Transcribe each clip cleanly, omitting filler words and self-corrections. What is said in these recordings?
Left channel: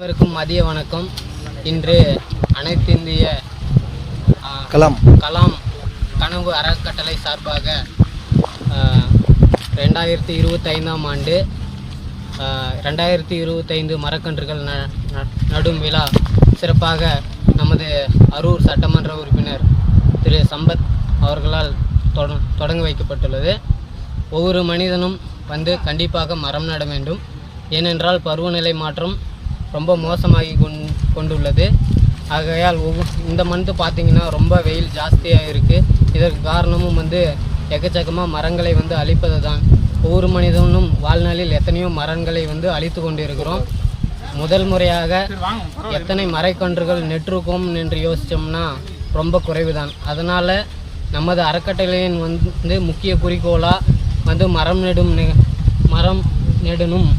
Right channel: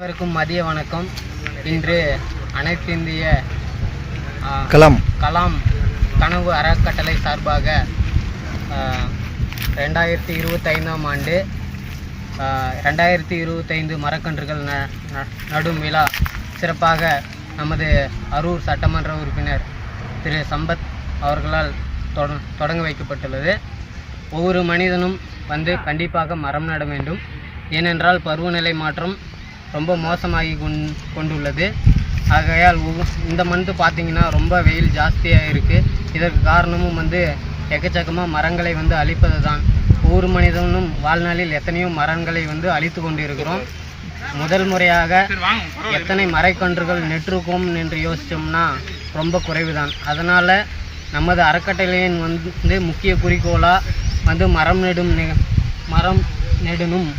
அனைவருக்கும் மதிய வணக்கம். இன்று அனைத்து இந்திய கலாம் கனவு அறக்கட்டளை சார்பாக 2025ஆம் ஆண்டு 2025 மரக்கன்றுகள் நடும் விழா சிறப்பாக நமது அரூர் சட்டமன்ற உறுப்பினர் திரு சம்பத் அவர்களால் தொடங்க வைக்கப்பட்டுள்ளது. ஒவ்வொரு மனிதனும் கண்டிப்பாக மரம் நட வேண்டும். ஏனென்றால் பருவநிலை மாற்றம் ரொம்ப மோசமாகி கொண்டுள்ளது. ஆகையால் இந்த மந்த்து பார்த்திங்கன்னா ரொம்ப வெயில் ஜாஸ்தியாக இருக்குது. இதற்கு காரணமும் எக்கச்சக்கமாக மரங்களை அழிப்பது தான். ஒவ்வொரு மனிதனும் வாழ்நாளில் எத்தனையோ மரங்களை அழித்து கொண்டு இருக்கிறோம். முதல் முறையாக எத்தனை மரக்கன்றுகள் நெற்றிருக்கோம் என்று யோசித்தோம்னா ரொம்ப குறைவு தான். அதனால் நமது அறக்கட்டளையின் முக்கிய குறிக்கோளாக மரம் நெடணும்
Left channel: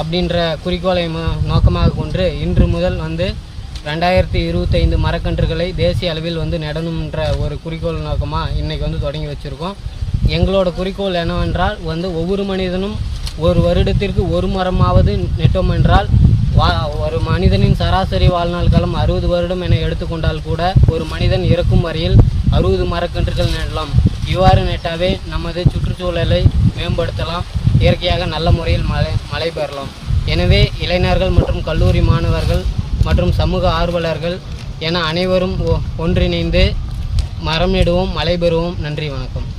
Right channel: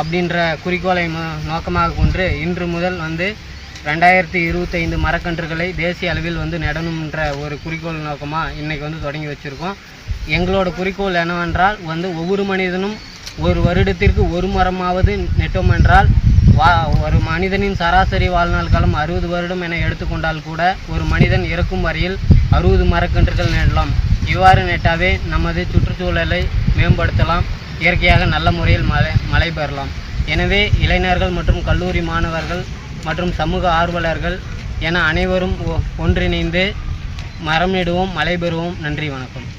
அப்படின்ற குறிக்கோளை நோக்கமாக கொண்டு இன்று முதல் 2025 மரக்கன்றுகளை தேசிய அளவில் நடணும்ன்ற ஒரு குறிக்கோள் நோக்கமாக இன்றைக்கி தொடங்கி வச்சுருக்கோம். எங்களோட குறிக்கோள் என்னவென்றால் ஒவ்வொரு மனிதனும் ஒரு வருடத்திற்கு ஒரு மரமாவது நெட்டோம் என்றால் ஒரு மனிதனின் சராசரி வாழ்நாள் காலம் 60 வருடம் என எடுத்துக்கொண்டால் கூட ஒரு மனிதன் இறக்கும் வரையில் 60 மரக்கன்றுகள் நடலாம். இவ்வாறு நெட்டாவே நமது சுற்றுச்சூழலை மேம்படுத்தலாம், இயற்கையாக நல்ல முறையில் மழை பெறலாம். எனவே இளைஞர்கள் மற்றும் கல்லூரி மாணவர்கள் மற்றும் சமூக ஆர்வலர்கள் என அனைவரும் ஒன்றிணைந்து மரம் நடுவோம், மழை பெறுவோம். நன்றி, வணக்கம்.